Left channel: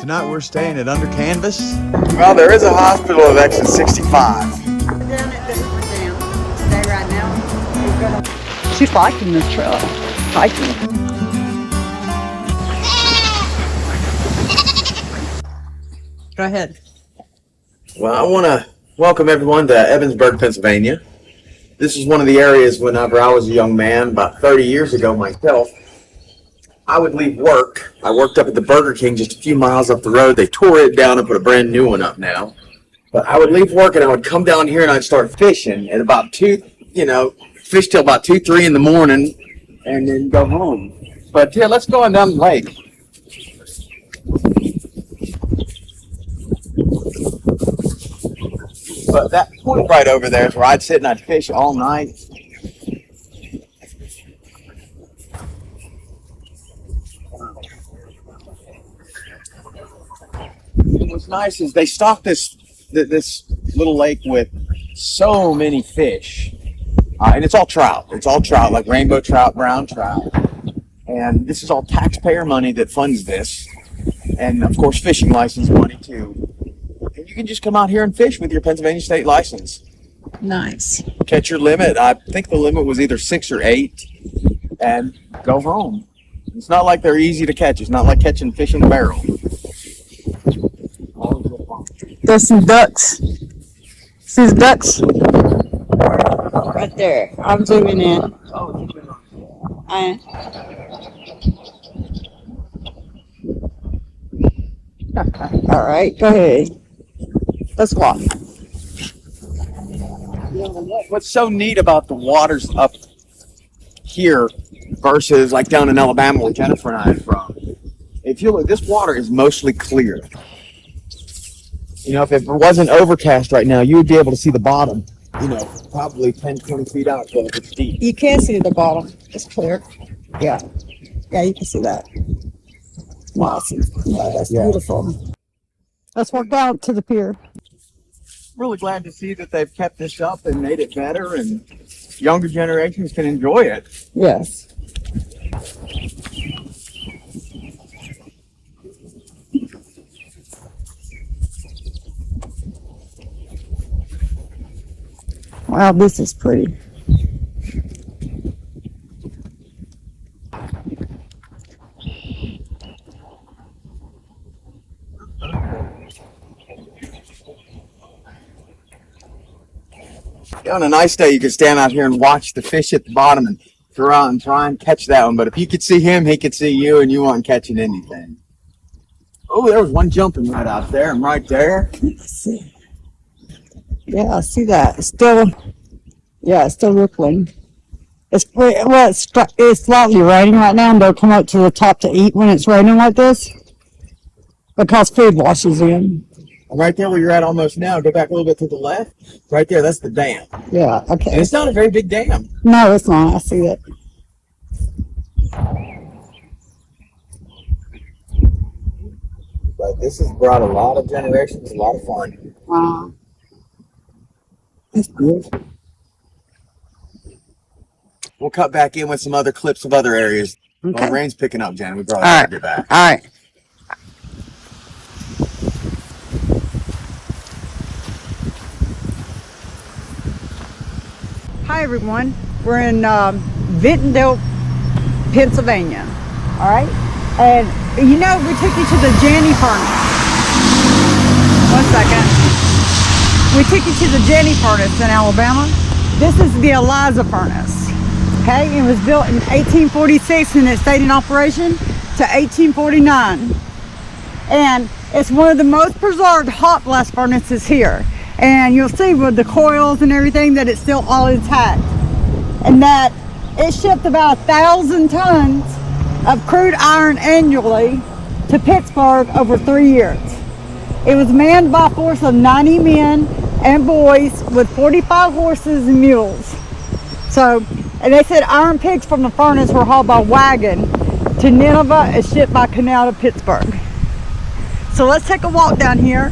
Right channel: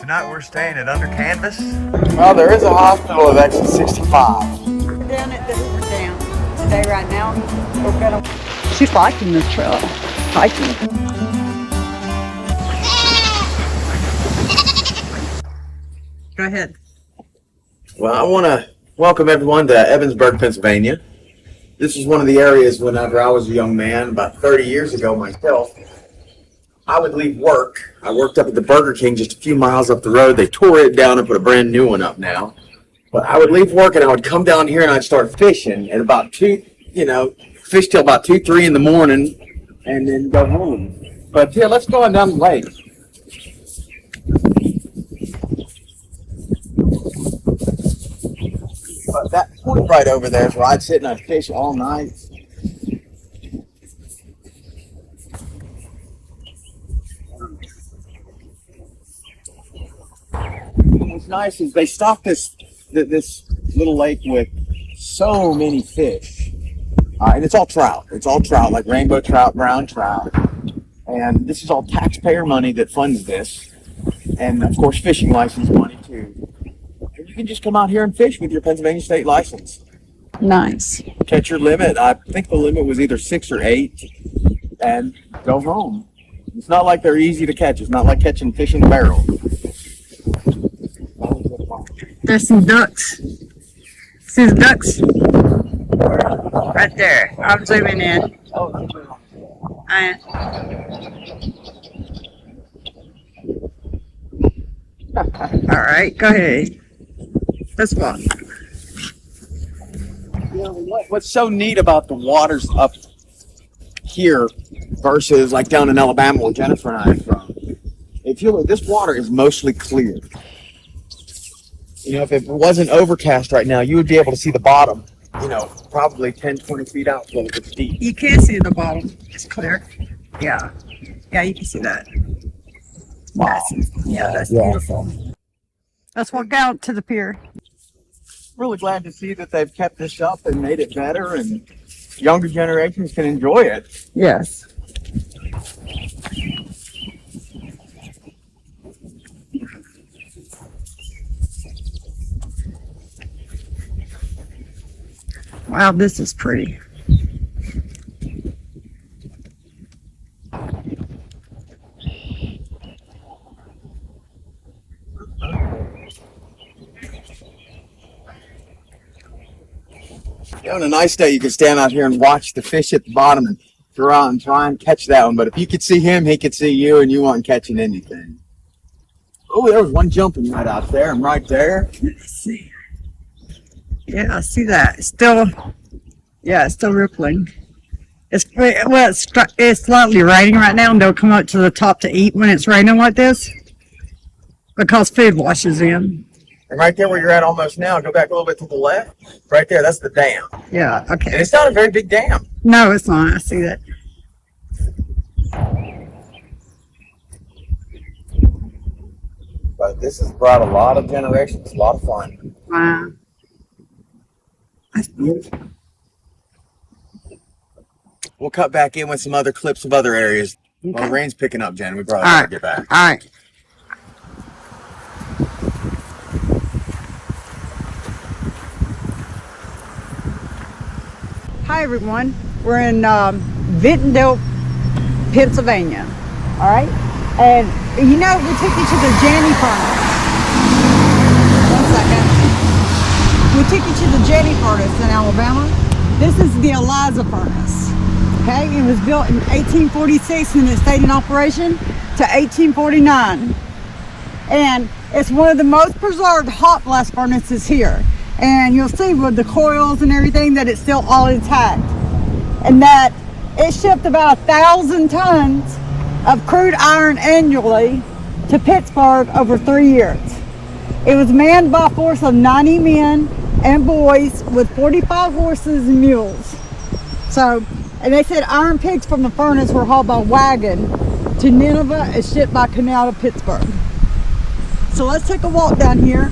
Tonight we're staying at Under Canvas. Well, there is a hospital of exit 65. We're down at the Hoover Dam today right now. We're gonna... She's liking this trail. Hiking. Go ahead. Well, I want to welcome everyone to Ebensburg, Pennsylvania. This is one of the areas whenever I was a young man, about 30 years ago myself, I would leave work. I worked up at the Burger King just a few miles up the road. They tore it down and put a brand new one up now. But I would leave work and I would come down here and I'd start fishing at about fish till about 2, 3 in the morning and then go home. But yeah, let's go on down the lake. But that point right over there is where I'd sit and I'd fish all night. And what's nice is they stock this little lake with so many fish. And it's all trout. It's all trout, like rainbow trout, brown trout. And this is all taxpayer money that funds this. And of course, fishing license money too. And you can just come out here and fish with your Pennsylvania state license. Nice. Catch your limit. I think the limit was either 6 or 8. And go home. It's not like they're easy to catch. It's not like catching fish in a barrel. There's some ducks. See the ducks? Right there. I'm zooming in. I am. All right, go ahead. Let's walk. What's so neat about the waters up here versus like down in Alabama where Jennifer and I are from, if you look, this water is mostly clear. You know, if it wasn't overcast right now, you would be able to see the bottom, probably 10, 20 feet out because it's deep. You can see the bottom. It's clear. Yeah. Yeah, you can see that. Wow. Yeah, that's beautiful. Let's walk down to the pier. Really glad to see that they've kept this up and made it better and younger generations can enjoy it. Yes. Wow, this is pretty. On a nice day, you could stand out here and watch the fish at the bottom and throw out and try and catch that one. But if you could see him, he could see you, and you weren't catching anything. Oh, there was one jumping right out there and right there. Let's see. Yeah, I see that. It's still rippling. It's slightly raining right now, and they'll come up to the top to eat when it's raining like this because food washes in. And right there where you're at almost now, go back a little bit to the left. Right there, that's the dam. Yeah, okay. And it's not a very big dam. No, it's not. I see that. But this has brought a lot of generations, a lot of fun. Wow. That's beautiful. We'll cut back in with some other clips of other areas. Okay. Well, the rain's picking up, Jen. We probably All better right. get back. All right. Hi, everyone. We're in Vintondale, Pennsylvania. All right. And, we took you to the Janney furnace. 1 second. We took you to the Janney furnace in Alabama. This is the Eliza furnace. Okay. It was built in 1846 and it stayed in operation to 1849. And it's one of the most preserved hot blast furnaces here. And you'll see with the coils and everything that it's still all intact. And that it shipped about 1,000 tons of crude iron annually to Pittsburgh over 3 years. It was manned by a force of 90 men and boys with 45 horses and mules. So, and they said iron pigs from the furnace were hauled by wagon to Nineveh and shipped by canal to Pittsburgh. So let's take a walk down here.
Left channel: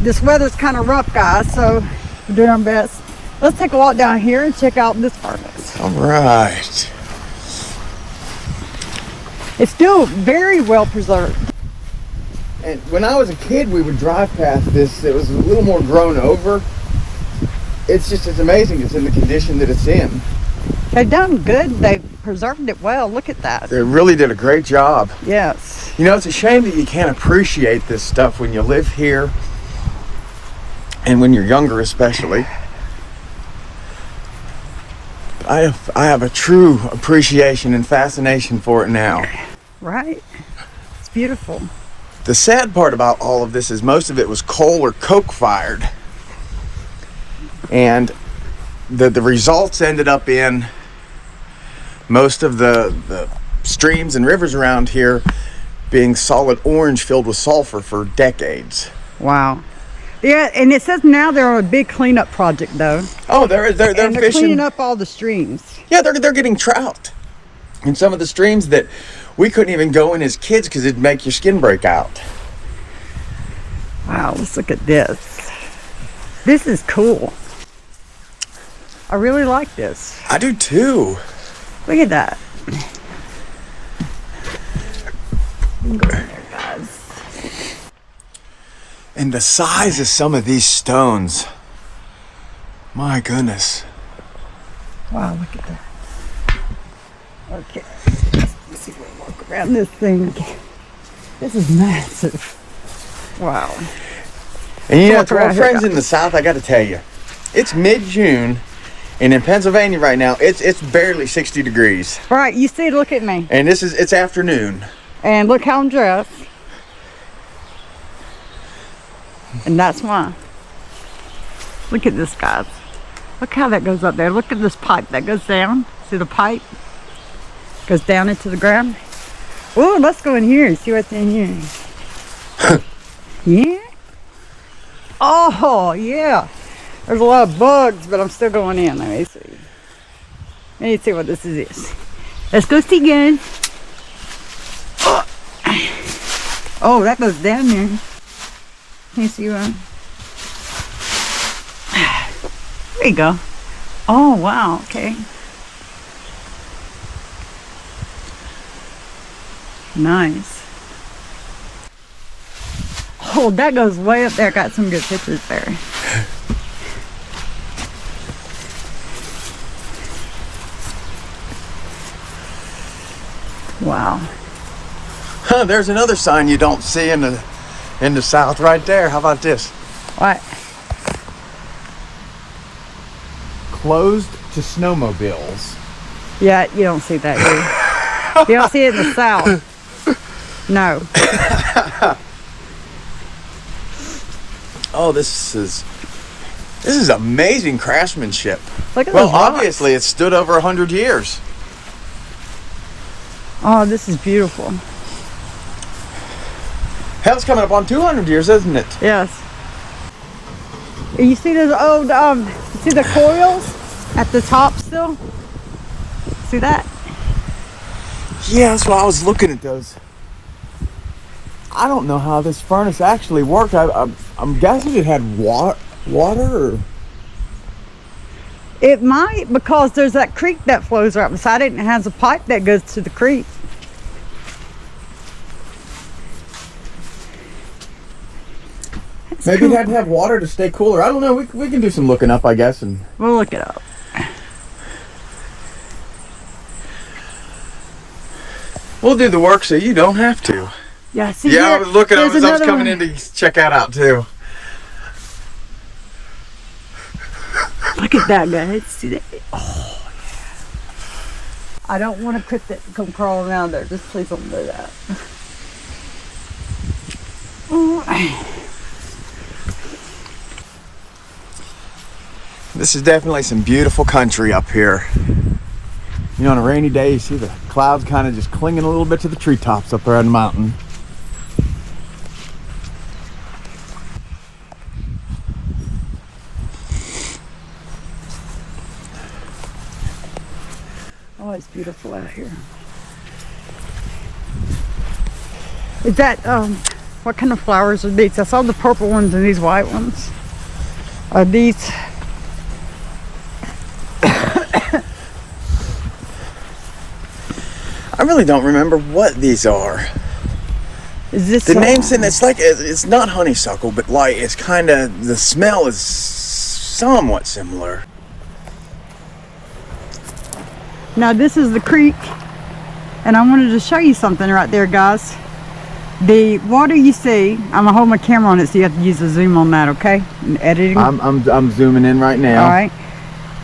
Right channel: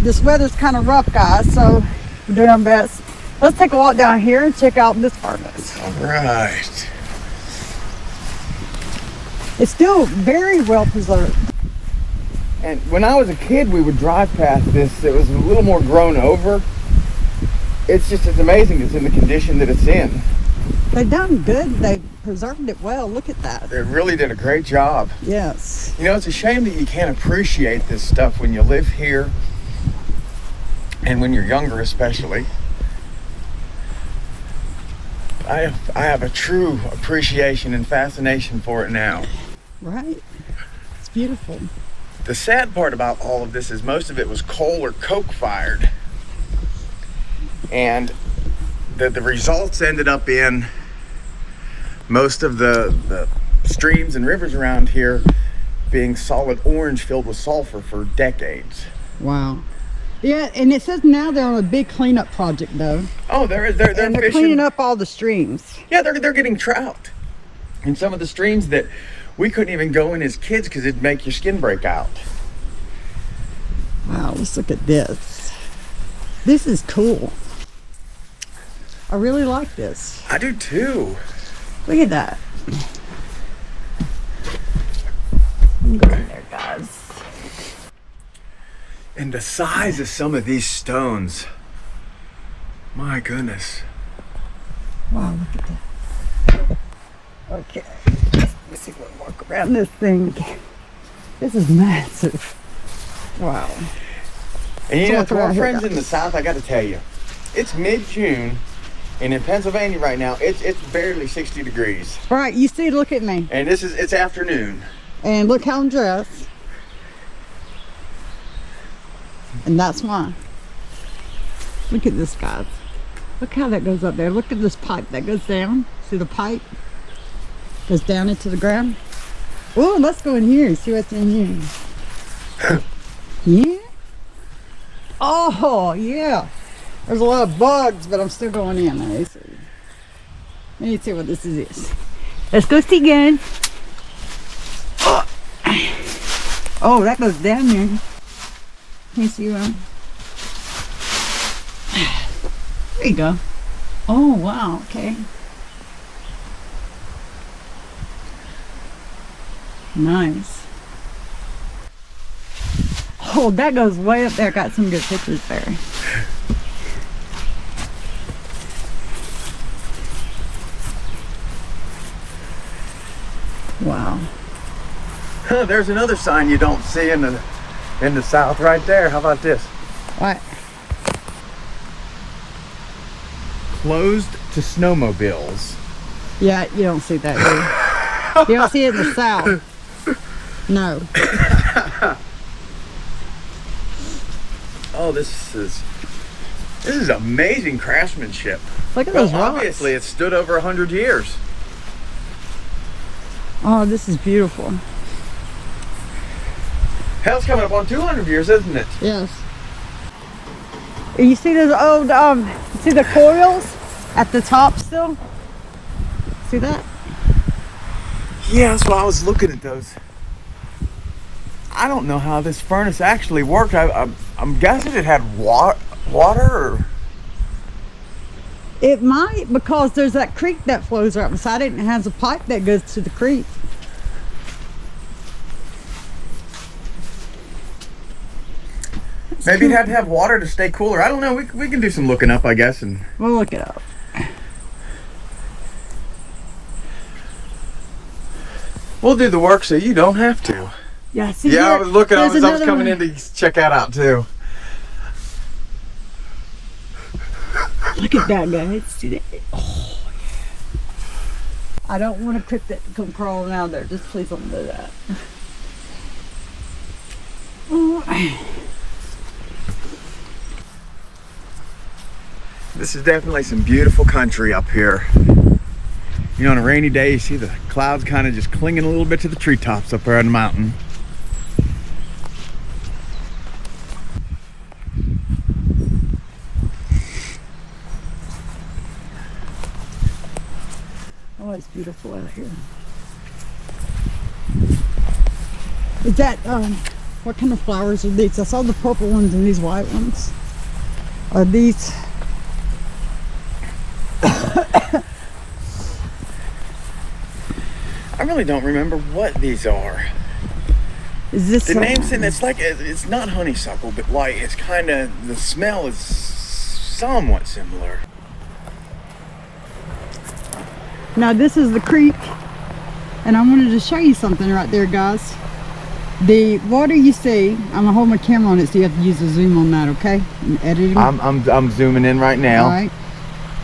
This weather's kind of rough, guys, so we're doing our best. Let's take a walk down here and check out this furnace. All right. It's still very well preserved. And when I was a kid, we would drive past this. It was a little more grown over. It's amazing it's in the condition that it's in. They've done good. They preserved it well. Look at that. They really did a great job. Yes. You know, it's a shame that you can't appreciate this stuff when you live here and when you're younger, especially. I have a true appreciation and fascination for it now. Right. It's beautiful. The sad part about all of this is most of it was coal or coke fired. And the results ended up in most of the streams and rivers around here being solid orange filled with sulfur for decades. Wow. Yeah, and it says now they're on a big cleanup project though. Oh, they're fishing. Cleaning up all the streams. Yeah, they're getting trout in some of the streams that we couldn't even go in as kids because it'd make your skin break out. Wow, let's look at this. This is cool. I really like this. I do too. Look at that. Go in there, guys. And the size of some of these stones. My goodness. Wow, look at that. Okay. Let's see if we can walk around this thing. This is massive. Wow. And you know, Walk to our around here, friends in guys. the South, I got to tell you, it's mid-June, and in Pennsylvania right now, it's barely 60 degrees. Right, you see, look at me. And it's afternoon. And look how I'm dressed. And that's why. Look at this, guys. Look how that goes up there. Look at this pipe that goes down. See the pipe? Goes down into the ground. Oh, let's go in here and see what's in here. Yeah? Oh, yeah. There's a lot of bugs, but I'm still going in. Let me see. Let me see what this is. Let's go see again. Oh, that goes down there. Can you see one? There you go. Oh, wow. Okay. Nice. Oh, that goes way up there. Got some good pictures there. Wow. Huh, there's another sign you don't see in the South right there. How about this? What? Closed to snowmobiles. Yeah, you don't see that here. You don't see it in the South. No. Oh, this is amazing craftsmanship. Look at Well, those rocks. obviously it stood over 100 years. Oh, this is beautiful. Hell's coming up on 200 years, isn't it? Yes. You see those old, you see the coils at the top still? See that? Yeah, that's why I was looking at those. I don't know how this furnace actually worked. I'm guessing it had water or... It might, because there's that creek that flows right beside it and it has a pipe that goes to the creek. Maybe it had to have water to stay cooler. I don't know. We can do some looking up, I guess. And We'll look it up. we'll do the work so you don't have to. Yeah, see Yeah, I here, was looking. I there's was another coming one. in to check that out too. Look at that, guys. See that? Oh. I don't want a cryptid to come crawling out there. Just please don't do that. Oh. This is definitely some beautiful country up here. You know, on a rainy day, you see the clouds kind of just clinging a little bit to the treetops up there on the mountain. Oh, it's beautiful out here. Is that, what kind of flowers are these? I saw the purple ones and these white ones. Are these... I really don't remember what these are. Is this The name's in it's like it's not honeysuckle, but like it's kind of the smell is somewhat similar. Now this is the creek, and I wanted to show you something right there, guys. The water you see, I'm gonna hold my camera on it, so you have to use the zoom on that, okay? In editing. I'm zooming in right now. All right.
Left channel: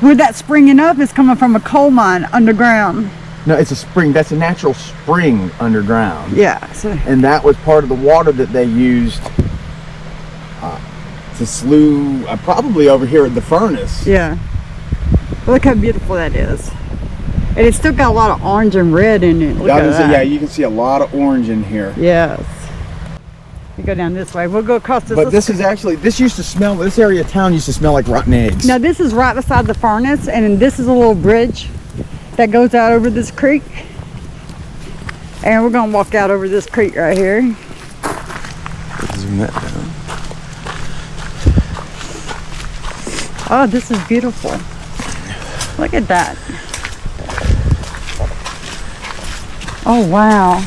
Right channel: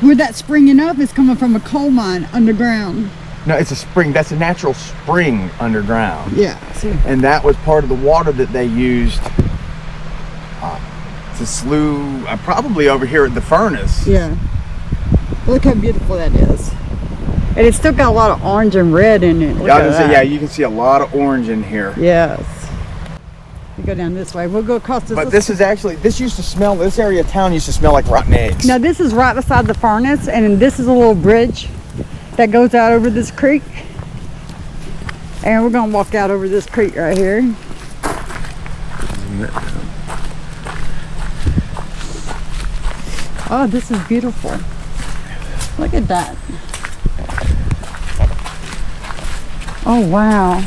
Where that's springing up is coming from a coal mine underground. No, it's a spring. That's a natural spring underground. Yeah. So, And that was part of the water that they used to slew, probably over here at the furnace. yeah. Look how beautiful that is. And it's still got a lot of orange and red in it. Look at that. Yeah, you can see a lot of orange in here. Yes. You go down this way. We'll go across this. But this is actually, this used to smell, this area of town used to smell like rotten eggs. Now this is right beside the furnace, and this is a little bridge that goes out over this creek. And we're gonna walk out over this creek right here. Zoom that down. Oh, this is beautiful. Look at that. Oh, wow.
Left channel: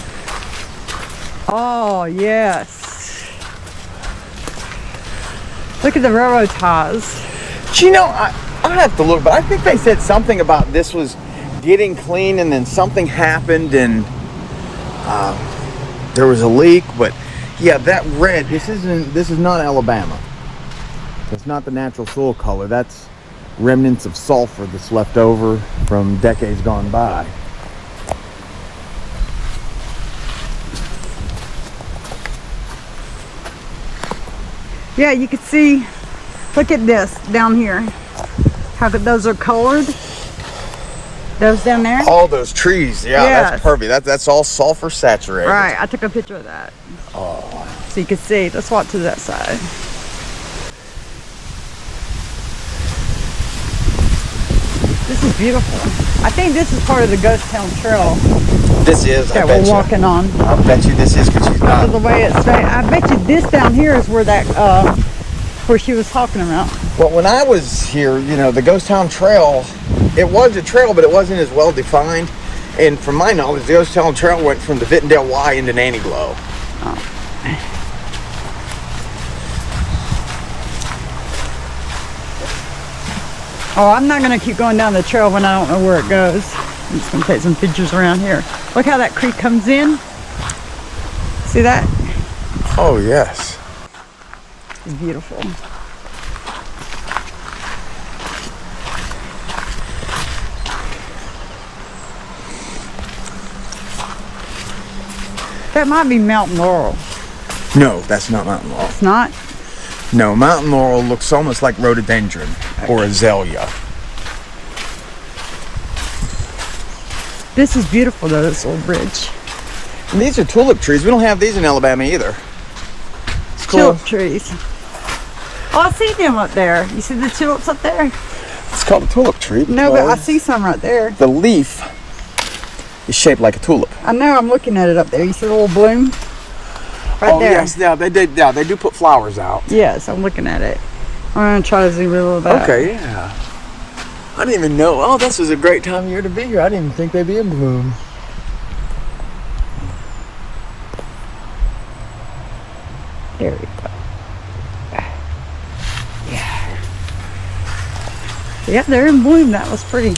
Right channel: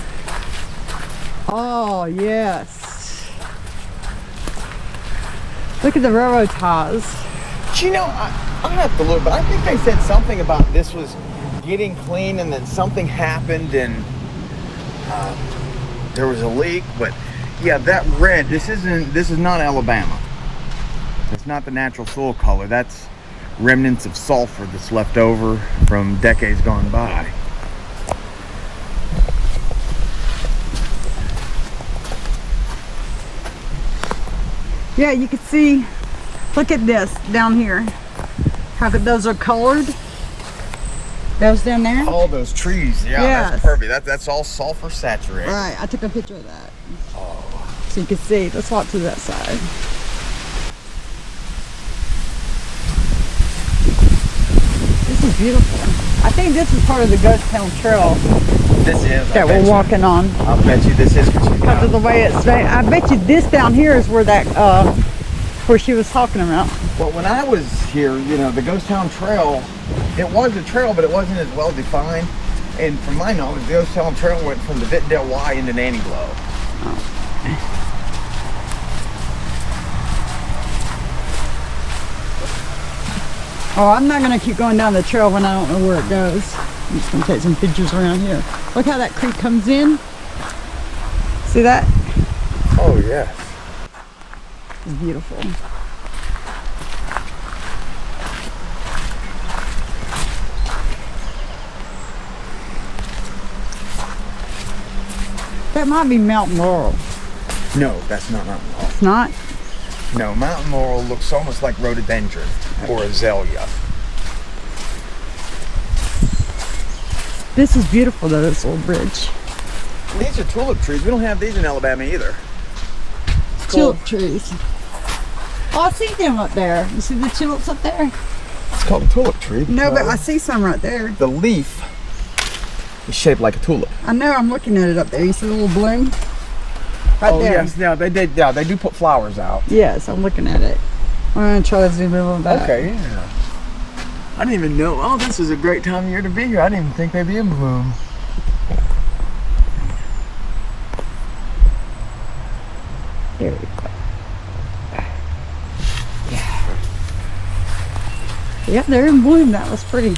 Oh, yes. Look at the railroad ties. You know, I have to look, but I think they said something about this was getting clean and then something happened and there was a leak, but yeah, that red, this is not Alabama. It's not the natural soil color. That's remnants of sulfur that's left over from decades gone by. Yeah, you can see, look at this down here. How those are colored. Those down there. All those trees, yeah, Yes. that's perfect. That's all sulfur saturated. Right, I took a picture of that. So you can see. Let's walk to that side. This is beautiful. I think this is part of the Ghost Town Trail This is. that we're walking on. I bet you this is what you Because of the way it's made. I bet you this down here is where that, where she was talking about. Well, when I was here, you know, the Ghost Town Trail, it was a trail, but it wasn't as well defined. And from my knowledge, the Ghost Town Trail went from the Vintondale Y into Nanny Glow. Oh, I'm not going to keep going down the trail when I don't know where it goes. I'm just going to take some pictures around here. Look how that creek comes in. See that? Oh, yes. It's beautiful. That might be Mountain Laurel. No, that's not Mountain Laurel. It's not? No, Mountain Laurel looks almost like rhododendron or azalea. This is beautiful though, this little bridge. And these are tulip trees. We don't have these in Alabama either. It's cool. Tulip trees. Oh, I see them up there. You see the tulips up there? It's called a tulip tree. No, but I because see some right there. the leaf is shaped like a tulip. I know, I'm looking at it up there. You see the little bloom? Right there. Yes, yeah, they did. Yeah, they do put flowers out. Yes, I'm looking at it. I'm gonna try to zoom in a little bit. Okay, yeah. I didn't even know. Oh, this is a great time of year to be here. I didn't even think they'd be in bloom. There we go. Yeah. Yeah, they're in bloom. That was pretty.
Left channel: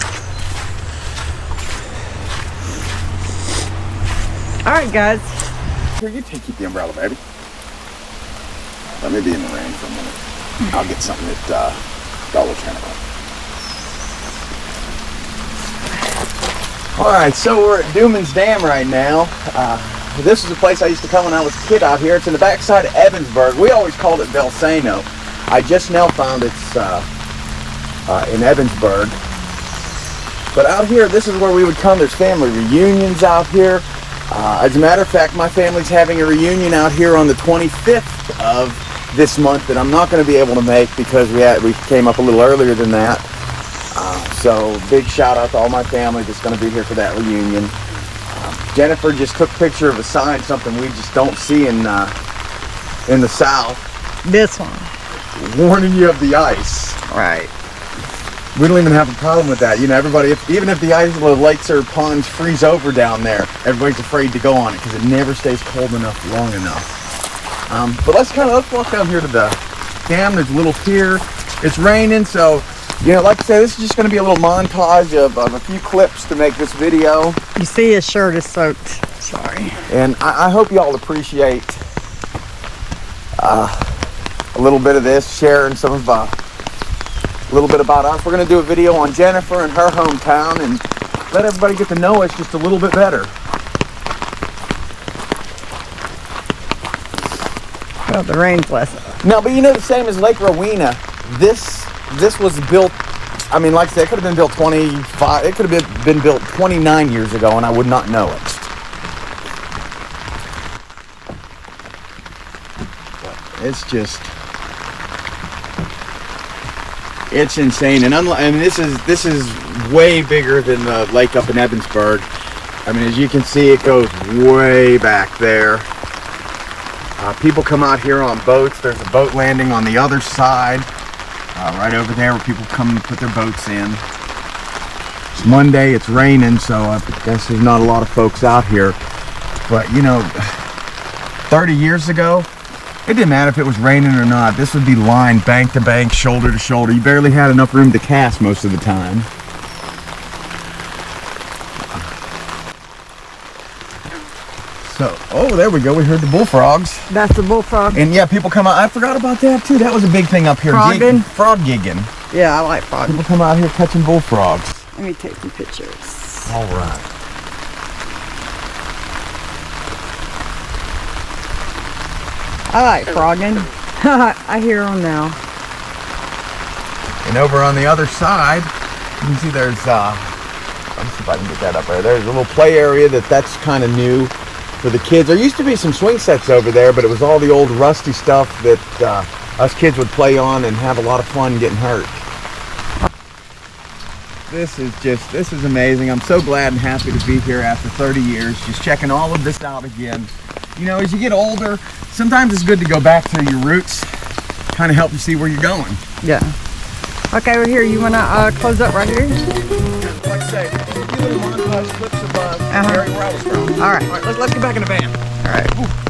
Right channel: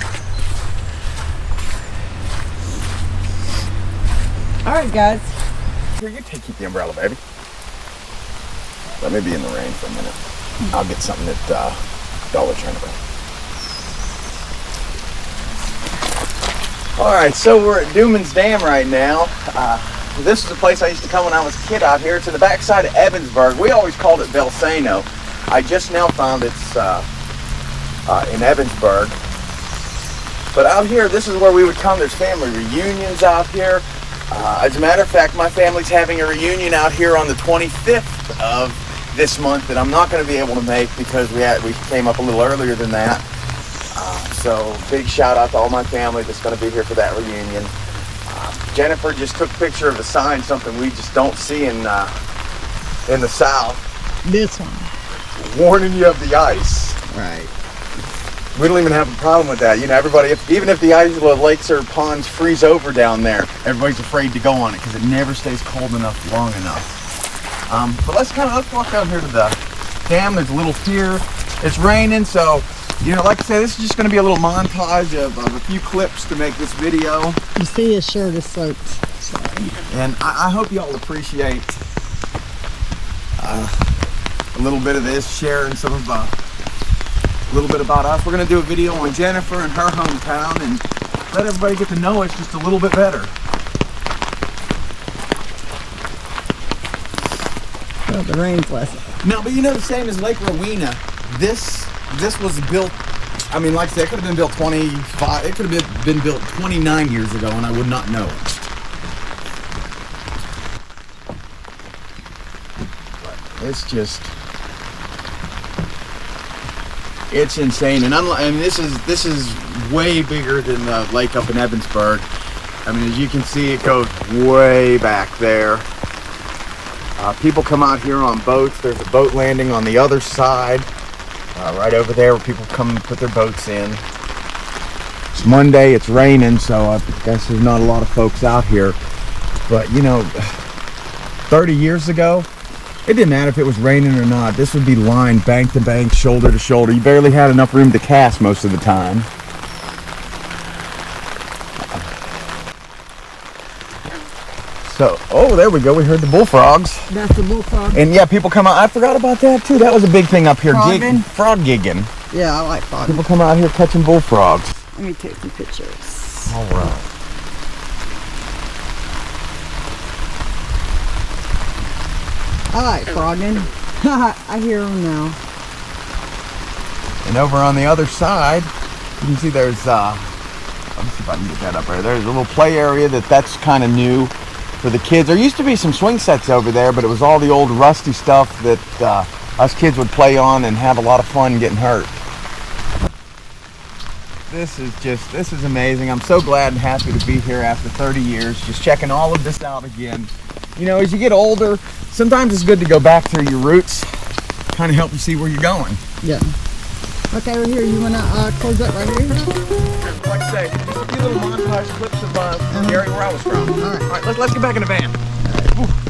All right, guys. Here, you keep the umbrella, baby. Let me be in the rain for a minute. I'll get something at Dollar General. All right, so we're at Duman's Dam right now. This is a place I used to come when I was a kid out here. It's in the backside of Ebensburg. We always called it Belsano. I just now found it's in Ebensburg. But out here, this is where we would come. There's family reunions out here. As a matter of fact, my family's having a reunion out here on the 25th of this month that I'm not going to be able to make because we came up a little earlier than that. So big shout out to all my family that's going to be here for that reunion. Jennifer just took a picture of a sign, something we just don't see in the South. This one. Warning you of the ice. Right. We don't even have a problem with that. You know, everybody, even if the Isla lakes or ponds freeze over down there, everybody's afraid to go on it because it never stays cold enough long enough. But let's walk down here to the dam. There's a little pier. It's raining, so, you know, like I said, this is just going to be a little montage of a few clips to make this video. You see his shirt is soaked. Sorry. And I hope y'all appreciate a little bit of this, sharing some of a little bit about us. We're going to do a video on Jennifer and her hometown and let everybody get to know us just a little bit better. Well, the rain's less. No, but you know, the same as Lake Rowena, this was built, I mean, like I said, it could have been built 25, it could have been built 29 years ago and I would not know it. It's just, it's insane, and this is way bigger than the lake up in Ebensburg. I mean, as you can see, it goes way back there. People come out here on boats. There's a boat landing on the other side, right over there, where people come and put their boats in. It's Monday. It's raining, so I guess there's not a lot of folks out here. But you know, 30 years ago, it didn't matter if it was raining or not. This would be lined bank to bank, shoulder to shoulder. You barely had enough room to cast most of the time. So, oh, there we go. We heard the bullfrogs. That's the bullfrog. And yeah, people come out. I forgot about that too. That was a big thing up here. Frogging? Frog gigging. Yeah, I like frogging. People come out here catching bullfrogs. Let me take some pictures. All right. I like frogging. I hear them now. And over on the other side, you can see there's, Let's see if I can get that up there. There's a little play area that's kind of new for the kids. There used to be some swing sets over there, but it was all the old rusty stuff that us kids would play on and have a lot of fun getting hurt. this is amazing. I'm so glad and happy to be here after 30 years, just checking all of this out again. You know, as you get older, sometimes it's good to go back to your roots, kind of help you see where you're going. Yeah. Okay, well, here, you want to close up right here? Like I say, just a few little montage clips of the area where I was from. All right. All right, let's get back in the van. All right. Ooh.